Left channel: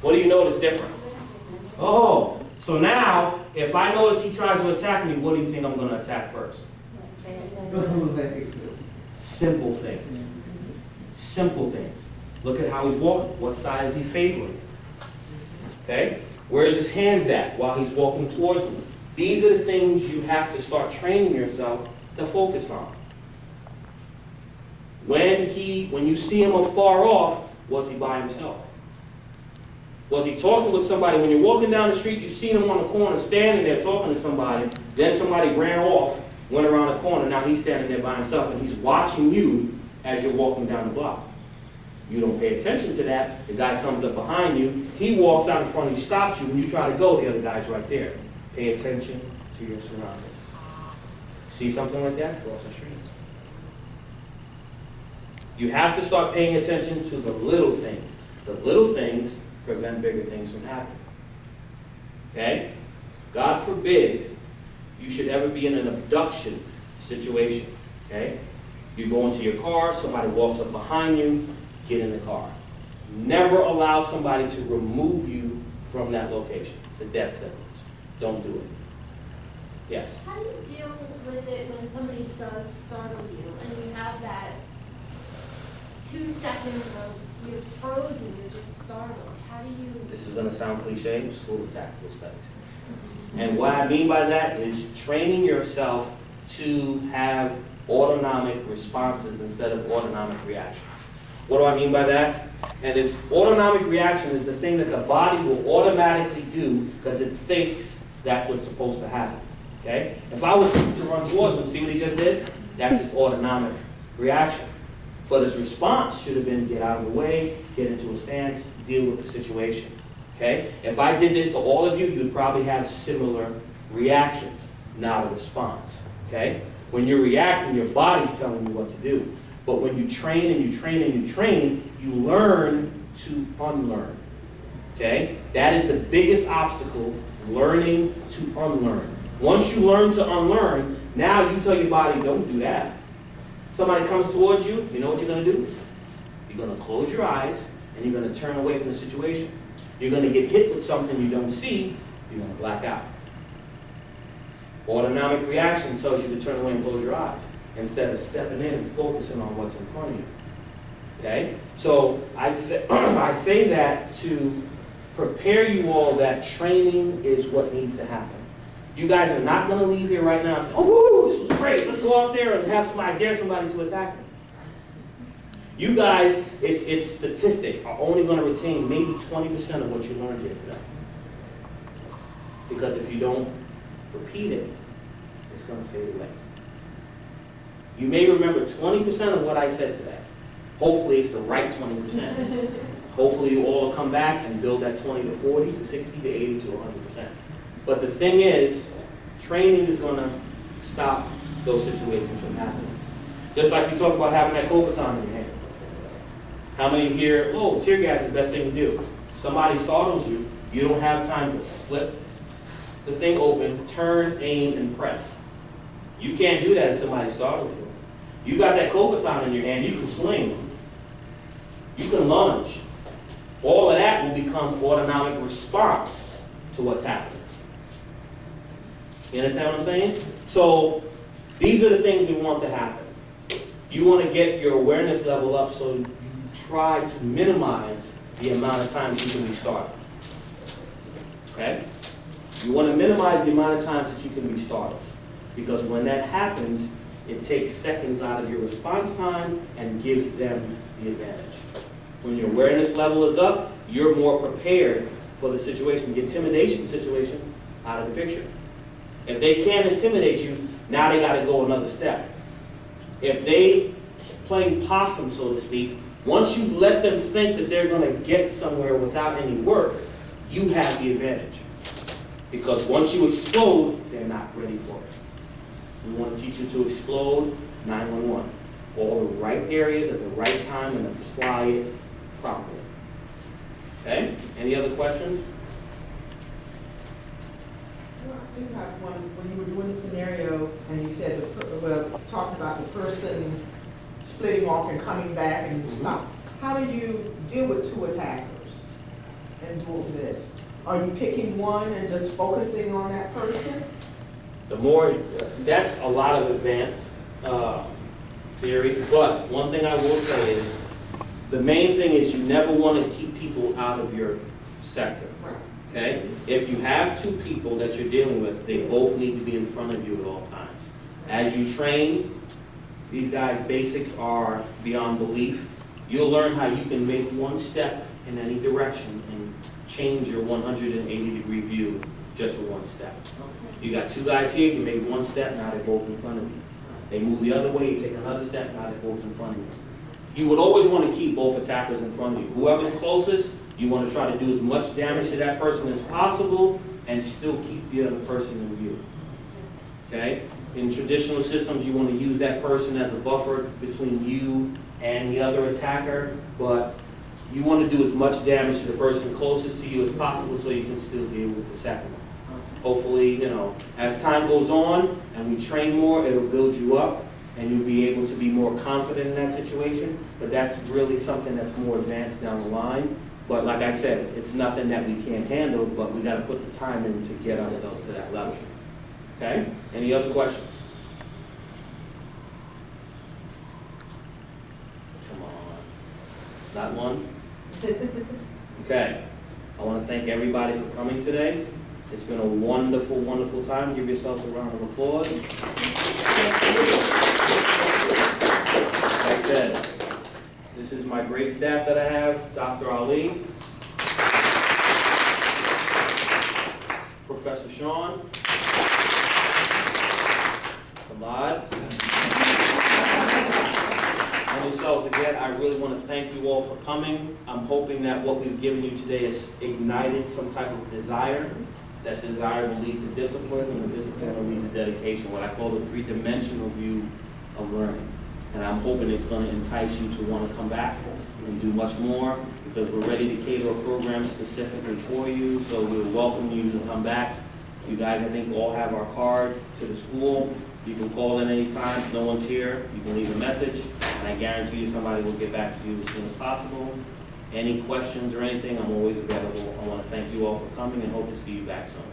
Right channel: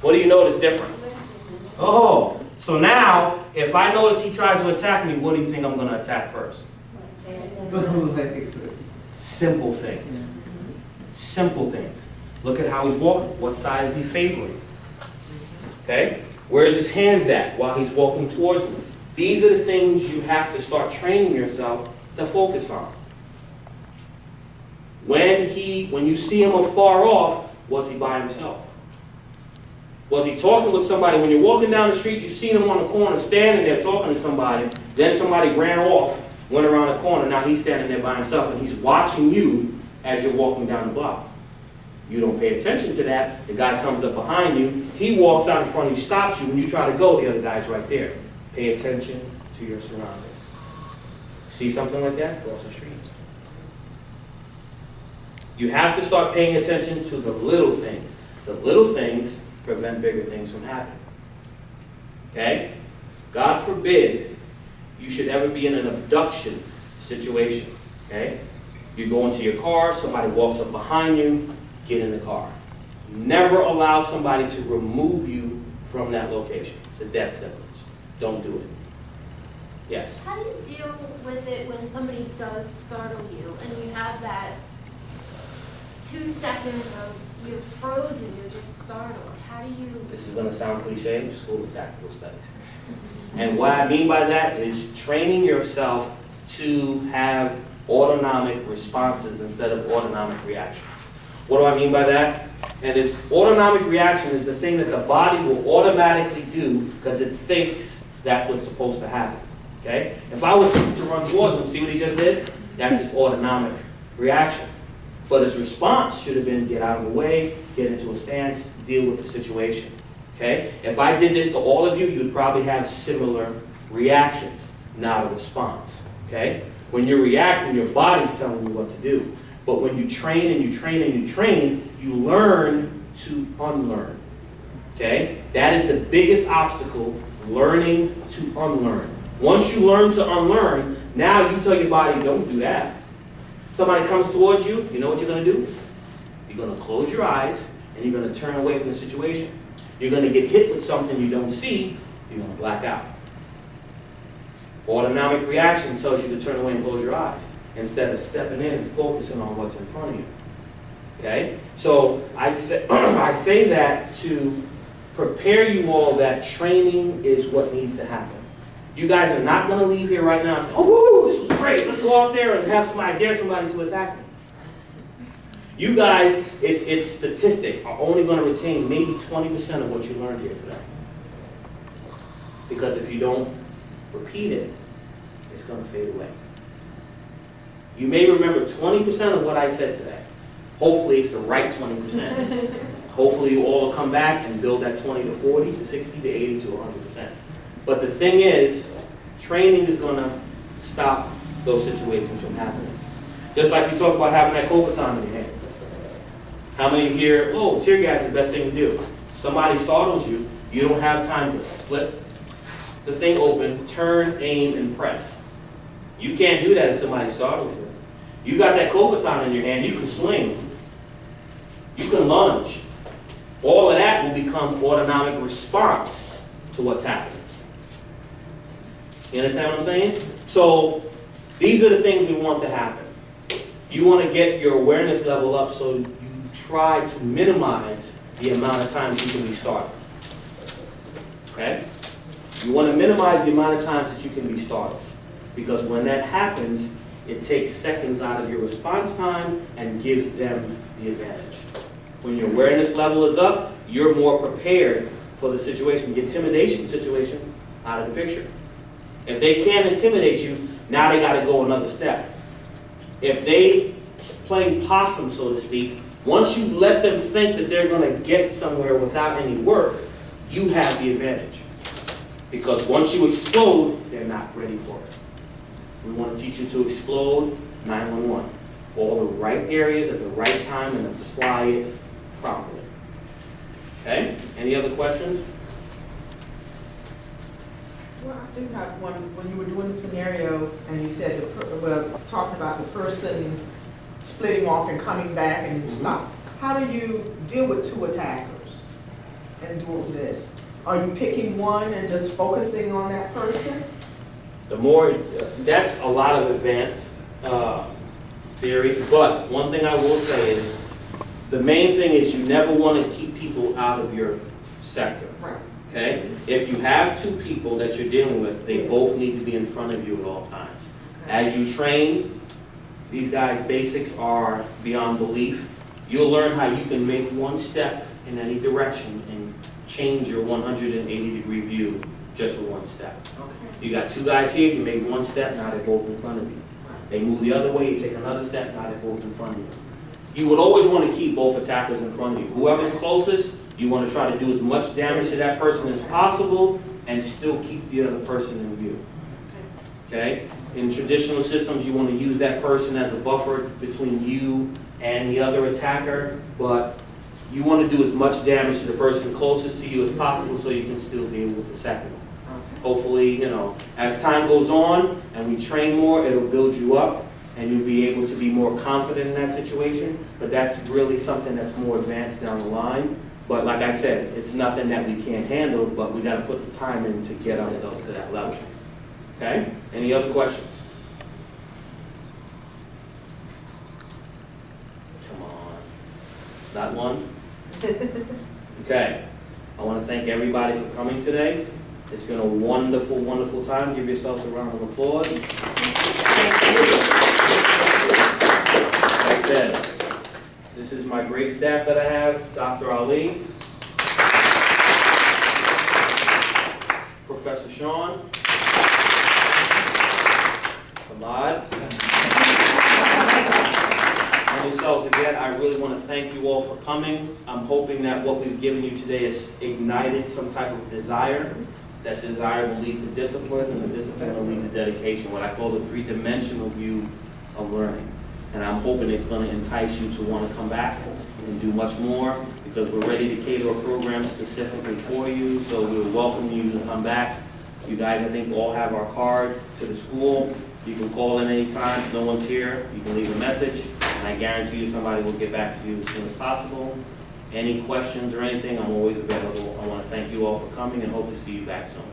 What do you notice different? Oh, so now, if I notice he tries to attack me, what do you think I'm going to attack first? Simple things. Simple things. Look at how he's walking. What side is he favoring? Okay? Where's his hands at while he's walking towards me? These are the things you have to start training yourself to focus on. When you see him afar off, was he by himself? Was he talking with somebody? When you're walking down the street, you've seen him on the corner standing there talking to somebody, then somebody ran off, went around the corner, now he's standing there by himself and he's watching you as you're walking down the block. You don't pay attention to that. The guy comes up behind you, he walks out in front of you, stops you, when you try to go, the other guy's right there. Pay attention to your surroundings. See something like that? Cross the street. You have to start paying attention to the little things. The little things prevent bigger things from happening. Okay? God forbid you should ever be in an abduction situation. Okay? You go into your car, somebody walks up behind you, get in the car. Never allow somebody to remove you from that location. It's a death sentence. Don't do it. Yes? How do you deal with it when somebody does startle you and you have that 2 seconds of you're frozen, you're just startled? How do you... This is going to sound cliche, School of Tactical Studies. And what I mean by that is training yourself to have autonomic responses instead of autonomic reactions. What do I mean by that? And this autonomic reaction is the thing that the body will automatically do because it thinks that's what's supposed to happen. Okay? If I was to run towards him, see what he just did? That's his autonomic reaction. But his response should have been get out of the way, get into a stance, deal with the situation. Okay? If I did this to all of you, you'd probably have similar reactions, not a response. Okay? When you're reacting, your body's telling you what to do. But when you train and you train and you train, you learn to unlearn. Okay? That is the biggest obstacle, learning to unlearn. Once you learn to unlearn, now you tell your body, don't do that. Somebody comes towards you, you know what you're going to do? You're going to close your eyes and you're going to turn away from the situation. You're going to get hit with something you don't see, you're going to black out. Autonomic reaction tells you to turn away and close your eyes instead of stepping in and focusing on what's in front of you. Okay? So I say that to prepare you all that training is what needs to happen. You guys are not going to leave here right now and say, oh, woo, this was great. Let's go out there and have somebody, dare somebody to attack me. You guys, it's statistic, are only going to retain maybe 20% of what you learned here today. Because if you don't repeat it, it's going to fade away. You may remember 20% of what I said today. Hopefully it's the right 20%. Hopefully you all will come back and build that 20 to 40 to 60 to 80 to 100%. But the thing is, training is going to stop those situations from happening. Just like we talked about having that cold baton in your hand. How many here, oh, tear gas is the best thing to do. Somebody startles you, you don't have time to flip the thing open, turn, aim, and press. You can't do that if somebody startles you. You got that cold baton in your hand, you can swing. You can lunge. All of that will become autonomic response to what's happening. You understand what I'm saying? So these are the things we want to happen. You want to get your awareness level up so you try to minimize the amount of times you can be startled. Okay? You want to minimize the amount of times that you can be startled. Because when that happens, it takes seconds out of your response time and gives them the advantage. When your awareness level is up, you're more prepared for the situation. The intimidation situation out of the picture. If they can't intimidate you, now they got to go another step. If they playing possum, so to speak, once you let them think that they're going to get somewhere without any work, you have the advantage. Because once you explode, they're not ready for it. We want to teach you to explode 911. All the right areas at the right time and apply it properly. Okay? Any other questions? Well, I do have one. When you were doing the scenario and you said, talked about the person splitting off and coming back and stop, how do you deal with two attackers? and doing this? Are you picking one and just focusing on that person? The more, that's a lot of advanced theory, but one thing I will say is, the main thing is you never want to keep people out of your sector, Right. okay? If you have two people that you're dealing with, they both need to be in front of you at all times. As you train, these guys' basics are beyond belief. You'll learn how you can make one step in any direction and change your 180-degree view just with one step. You got two guys here, you make one step, now they're both in front of you. They move the other way, you take another step, now they're both in front of you. You would always want to keep both attackers in front of you. Whoever's closest, you want to try to do as much damage to that person as possible and still keep the other person in view. Okay? In traditional systems, you want to use that person as a buffer between you and the other attacker, but you want to do as much damage to the person closest to you as possible so you can still deal with the second one. Hopefully, you know, as time goes on and we train more, it'll build you up and you'll be able to be more confident in that situation, but that's really something that's more advanced down the line. But like I said, it's nothing that we can't handle, but we got to put the time in to get ourselves to that level. Okay? Any other questions? Come on. Not one? Okay. I want to thank everybody for coming today. It's been a wonderful, wonderful time. Give yourselves a round of applause. Like I said, this is my great staff that I have, Dr. Ali, Professor Sean, Samad, and yourselves. Again, I really want to thank you all for coming. I'm hoping that what we've given you today has ignited some type of desire. That desire will lead to discipline, and the discipline will lead to dedication, what I call the three-dimensional view of learning. And I'm hoping it's going to entice you to want to come back and do much more, because we're ready to cater a program specifically for you, so we'll welcome you to come back. You guys, I think, all have our card to the school. You can call in anytime. If no one's here, you can leave a message, and I guarantee you somebody will get back to you as soon as possible. Any questions or anything, I'm always available. I want to thank you all for coming and hope to see you back soon.